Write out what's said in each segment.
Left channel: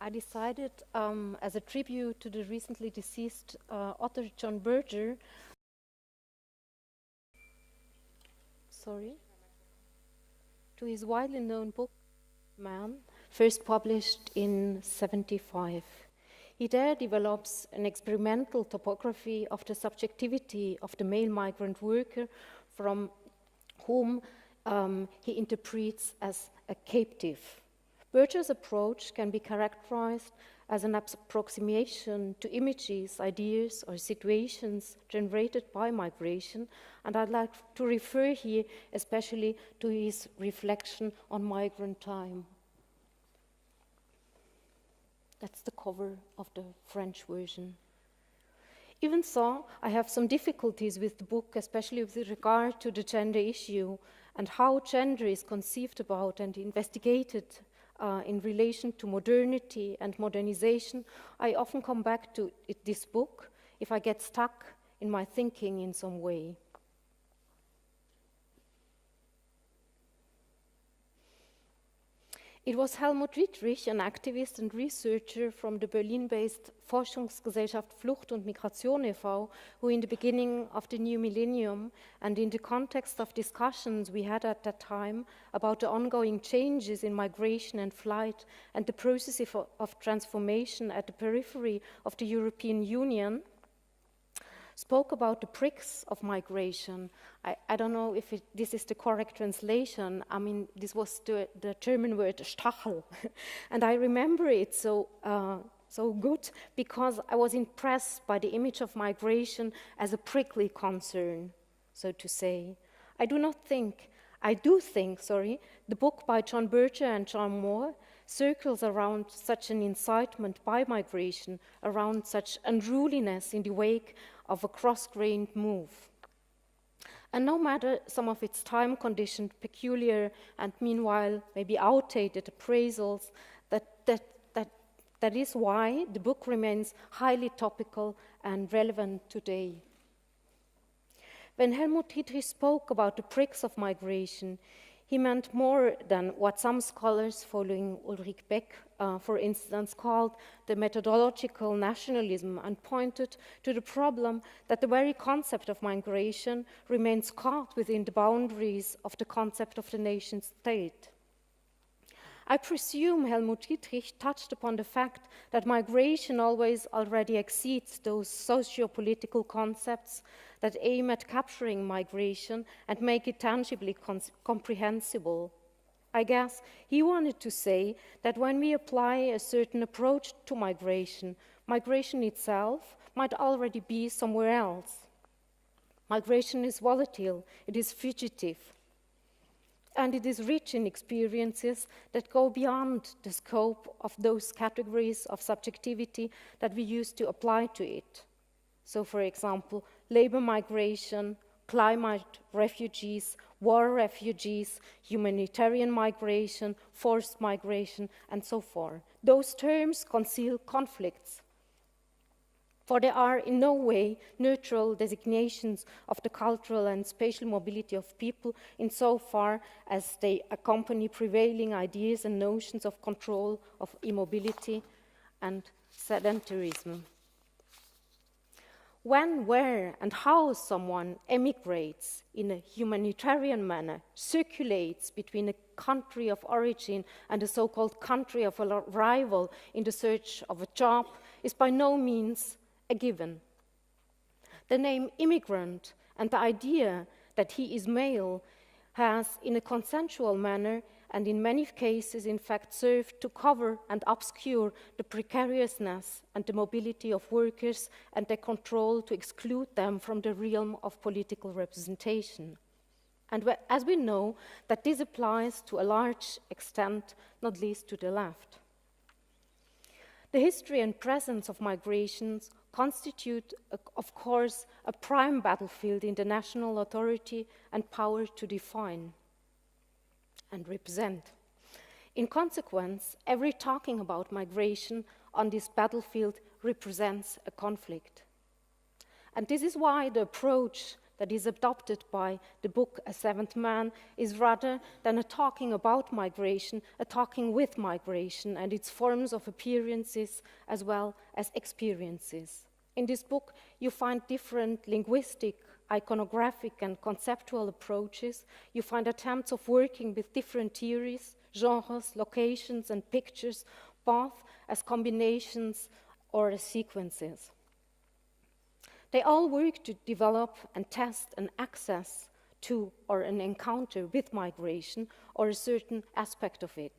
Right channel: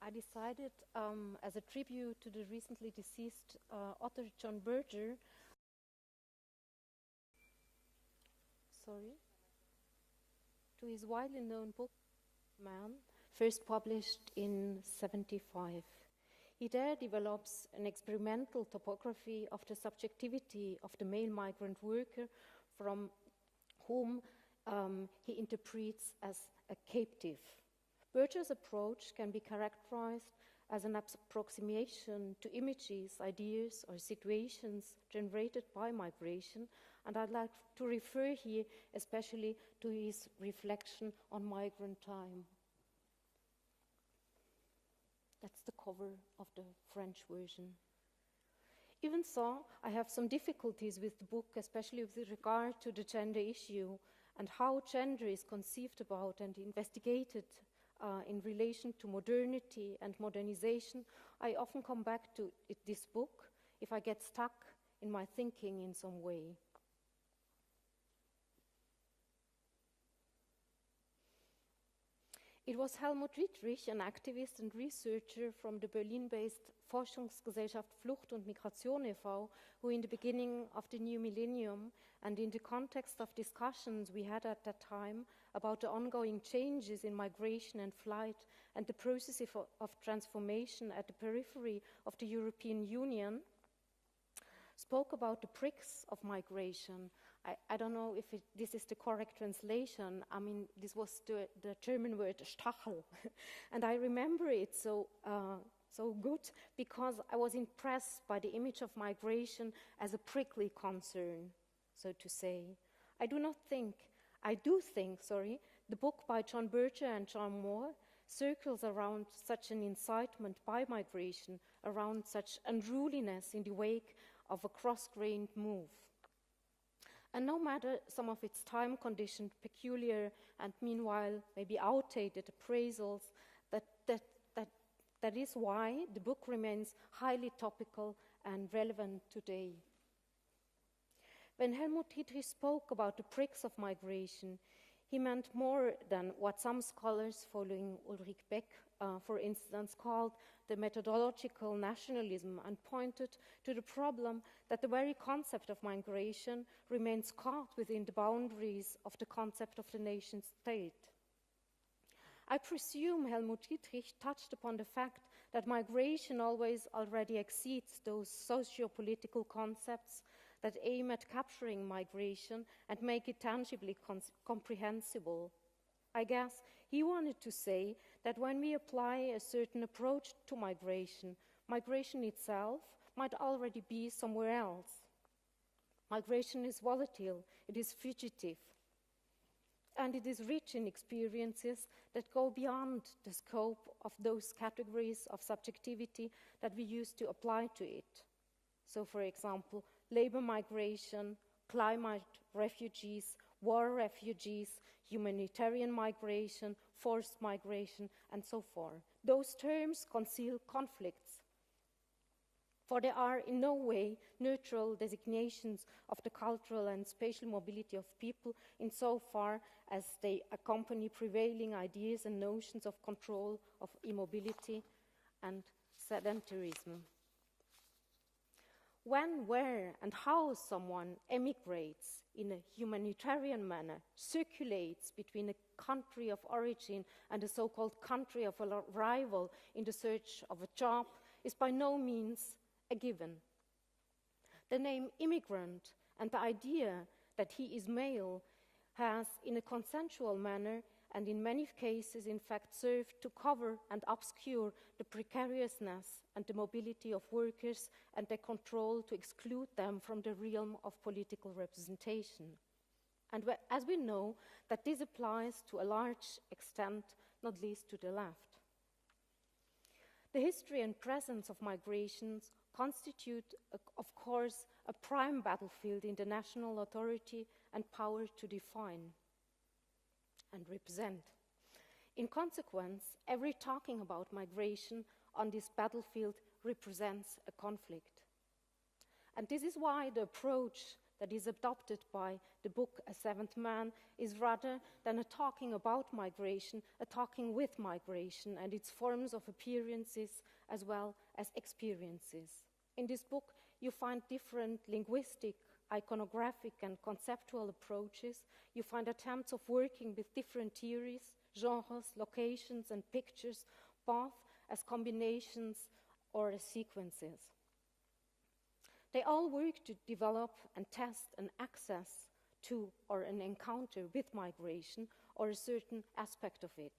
I decided, as a tribute to the recently deceased author John Berger, to his widely known book, Man, first published in '75. He there develops an experimental topography of the subjectivity of the male migrant worker from whom he interprets as a captive. Berger's approach can be characterized as an approximation to images, ideas, or situations generated by migration, and I'd like to refer here especially to his reflection on migrant time. That's the cover of the French version. Even so, I have some difficulties with the book, especially with regard to the gender issue and how gender is conceived about and investigated in relation to modernity and modernization. I often come back to this book if I get stuck in my thinking in some way. It was Helmut Wittrich, an activist and researcher from the Berlin-based Forschungsgesellschaft Flucht und Migration e.V., who in the beginning of the new millennium and in the context of discussions we had at that time about the ongoing changes in migration and flight and the process of transformation at the periphery of the European Union, spoke about the pricks of migration. I don't know if this is the correct translation. I mean, this was the German word Stachel. And I remember it so good because I was impressed by the image of migration as a prickly concern, so to say. I do think, the book by John Berger and John Moore circles around such an incitement by migration, around such unruliness in the wake of a cross-grained move. And no matter some of its time-conditioned, peculiar, and meanwhile maybe outdated appraisals, that is why the book remains highly topical and relevant today. When Helmut Wittrich spoke about the pricks of migration, he meant more than what some scholars following Ulrich Beck, for instance, called the methodological nationalism, and pointed to the problem that the very concept of migration remains caught within the boundaries of the concept of the nation state. I presume Helmut Wittrich touched upon the fact that migration always already exceeds those socio-political concepts that aim at capturing migration and make it tangibly comprehensible. I guess he wanted to say that when we apply a certain approach to migration, migration itself might already be somewhere else. Migration is volatile, it is fugitive, and it is rich in experiences that go beyond the scope of those categories of subjectivity that we used to apply to it. So, for example, labor migration, climate refugees, war refugees, humanitarian migration, forced migration, and so forth. Those terms conceal conflicts, for they are in no way neutral designations of the cultural and spatial mobility of people insofar as they accompany prevailing ideas and notions of control, of immobility, and sedentarism. When, where, and how someone emigrates in a humanitarian manner, circulates between a country of origin and a so-called country of arrival in the search of a job, is by no means a given. The name immigrant and the idea that he is male has, in a consensual manner, and in many cases, in fact, served to cover and obscure the precariousness and the mobility of workers and their control to exclude them from the realm of political representation. And as we know, that this applies to a large extent, not least to the left. The history and presence of migrations constitute, of course, a prime battlefield in the national authority and power to define and represent. In consequence, every talking about migration on this battlefield represents a conflict. And this is why the approach that is adopted by the book A Seventh Man is rather than a talking about migration, a talking with migration and its forms of appearances as well as experiences. In this book, you find different linguistic, iconographic, and conceptual approaches. You find attempts of working with different theories, genres, locations, and pictures, both as combinations or as sequences. They all work to develop and test an access to or an encounter with migration or a certain aspect of it.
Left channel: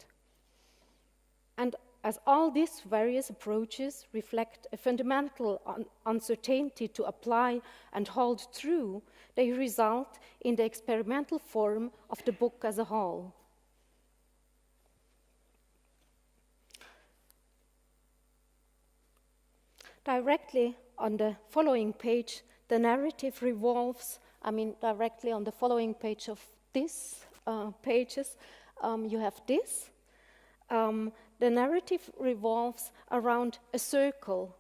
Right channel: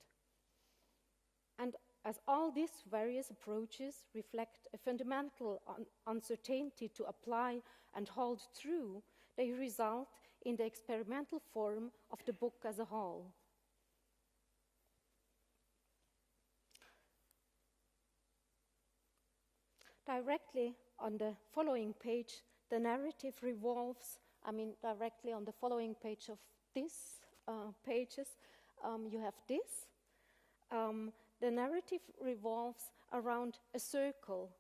And as all these various approaches reflect a fundamental uncertainty to apply and hold true, they result in the experimental form of the book as a whole. Directly on the following page, the narrative revolves, directly on the following page of these pages, you have this. The narrative revolves around a circle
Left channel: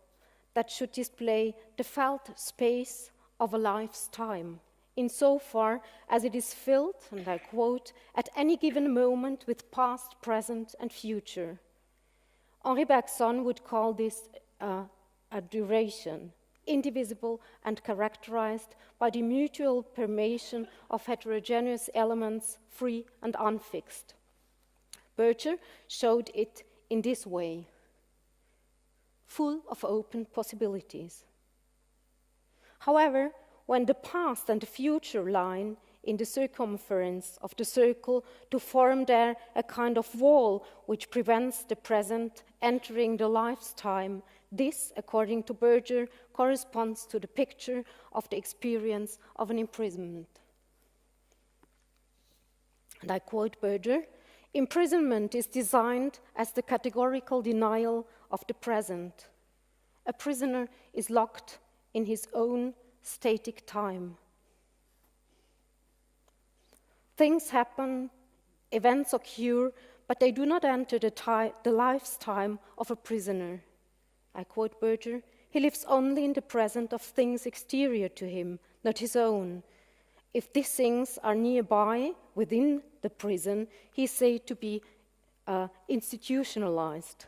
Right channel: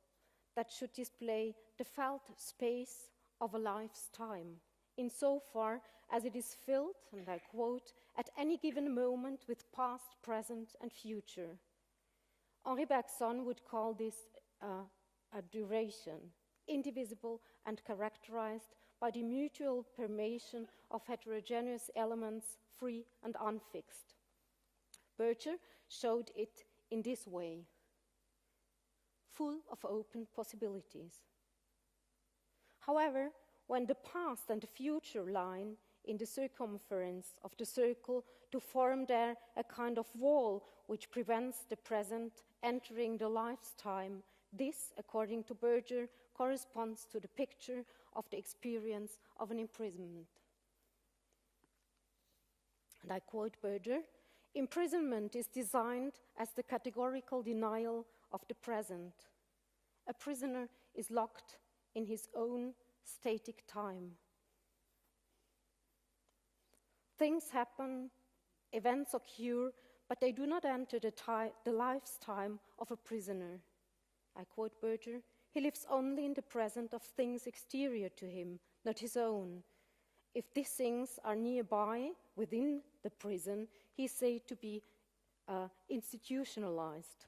that should display the felt space of a life's time, insofar as it is filled, and I quote, at any given moment with past, present, and future. Henri Bergson would call this a duration, indivisible and characterized by the mutual permeation of heterogeneous elements, free and unfixed. Berger showed it in this way, full of open possibilities. However, when the past and the future line in the circumference of the circle to form there a kind of wall which prevents the present entering the life's time, this, according to Berger, corresponds to the picture of the experience of an imprisonment. And I quote Berger, imprisonment is designed as the categorical denial of the present. A prisoner is locked in his own static time. Things happen, events occur, but they do not enter the life's time of a prisoner. I quote Berger, he lives only in the present of things exterior to him, not his own. If these things are nearby, within the prison, he is said to be institutionalized.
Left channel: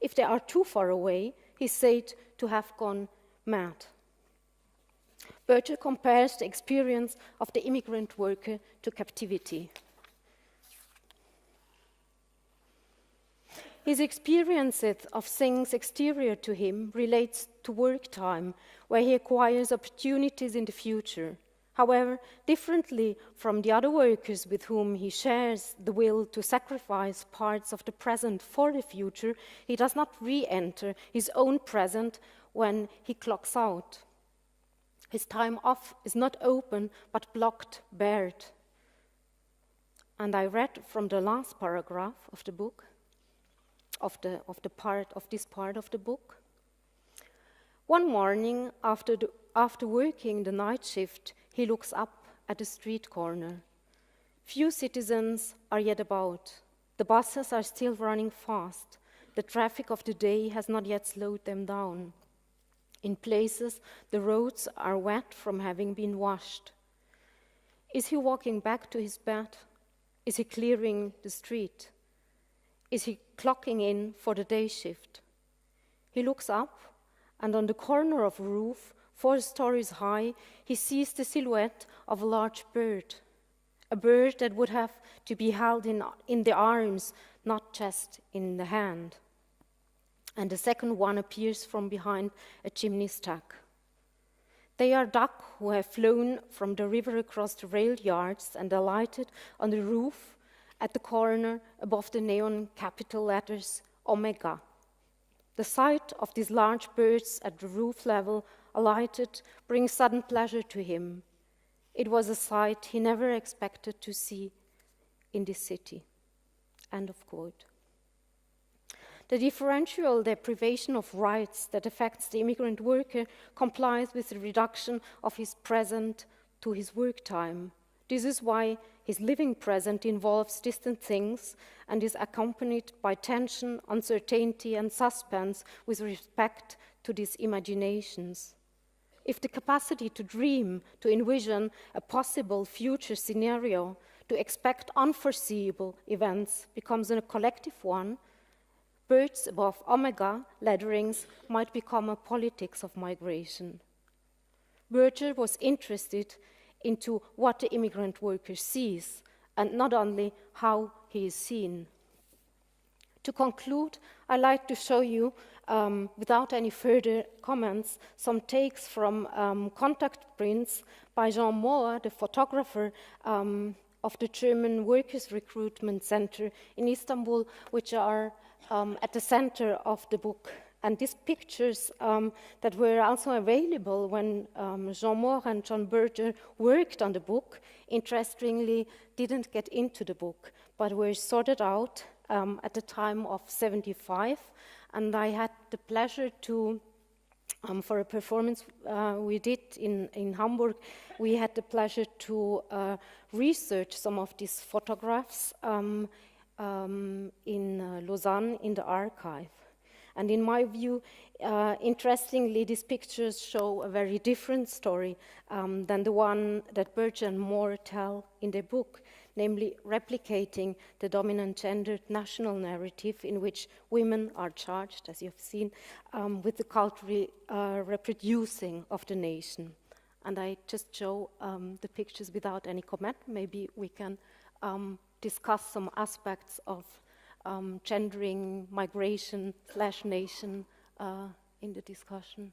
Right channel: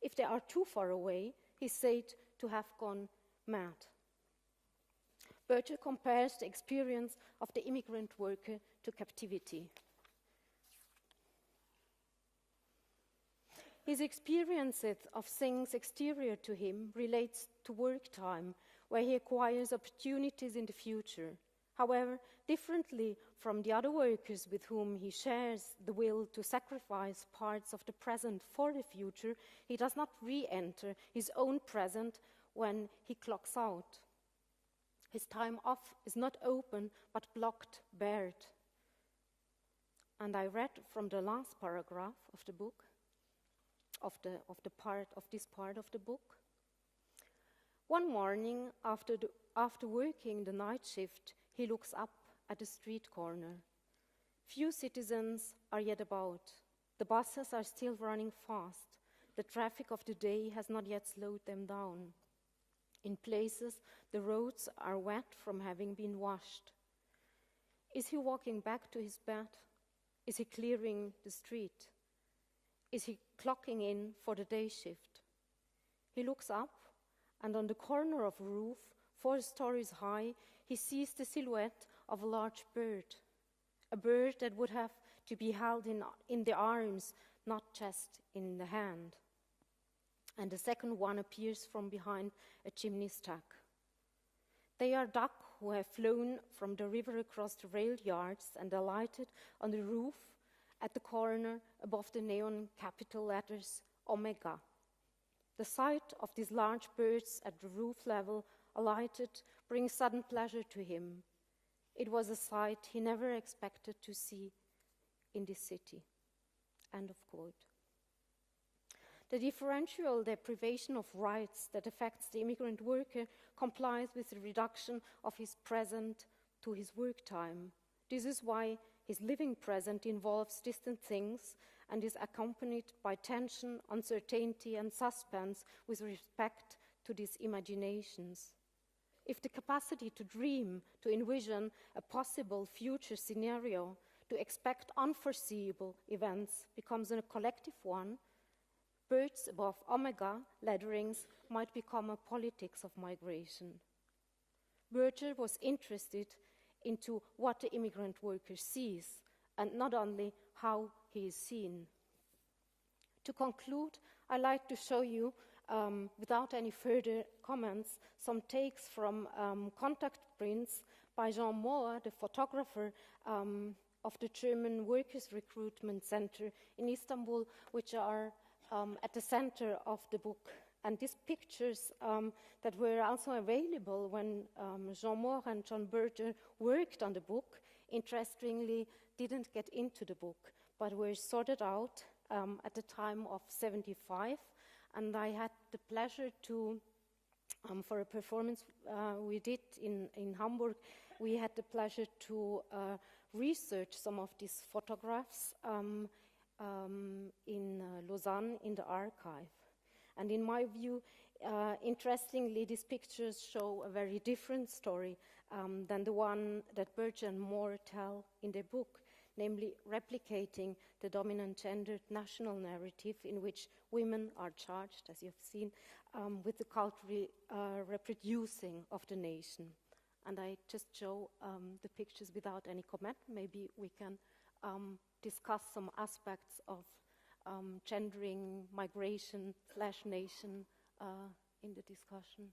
If they are too far away, he is said to have gone mad. Berger compares the experience of the immigrant worker to captivity. His experiences of things exterior to him relates to work time, where he acquires opportunities in the future. However, differently from the other workers with whom he shares the will to sacrifice parts of the present for the future, he does not re-enter his own present when he clocks out. His time off is not open, but blocked, barred. And I read from the last paragraph of the book, of this part of the book. One morning, after working the night shift, he looks up at the street corner. Few citizens are yet about. The buses are still running fast. The traffic of the day has not yet slowed them down. In places, the roads are wet from having been washed. Is he walking back to his bed? Is he clearing the street? Is he clocking in for the day shift? He looks up, and on the corner of a roof, 4 stories high, he sees the silhouette of a large bird, a bird that would have to be held in the arms, not just in the hand. And the second one appears from behind a chimney stack. They are duck who have flown from the river across the rail yards and alighted on the roof at the corner above the neon capital letters Omega. The sight of these large birds at the roof level alighted brings sudden pleasure to him. It was a sight he never expected to see in this city. End of quote. The differential deprivation of rights that affects the immigrant worker complies with the reduction of his present to his work time. This is why his living present involves distant things and is accompanied by tension, uncertainty, and suspense with respect to these imaginations. if the capacity to dream, to envision a possible future scenario, to expect unforeseeable events becomes a collective one, birds above omega ladderings might become a politics of migration. Berger was interested into what the immigrant worker sees, and not only how he is seen. To conclude, I'd like to show you, without any further comments, some takes from contact prints by Jean Mohr, the photographer of the German Workers' Recruitment Center in Istanbul, which are at the center of the book. And these pictures that were also available when Jean Mohr and John Berger worked on the book, interestingly, didn't get into the book, but were sorted out at the time of 75. And I had the pleasure to, for a performance we did in Hamburg, we had the pleasure to research some of these photographs in Lausanne in the archive. And in my view, interestingly, these pictures show a very different story than the one that Berger and Mohr tell in their book, namely replicating the dominant gendered national narrative in which women are charged, as you've seen, with the cultural reproducing of the nation. And I just show the pictures without any comment. Maybe we can discuss some aspects of gendering, migration / nation in the discussion.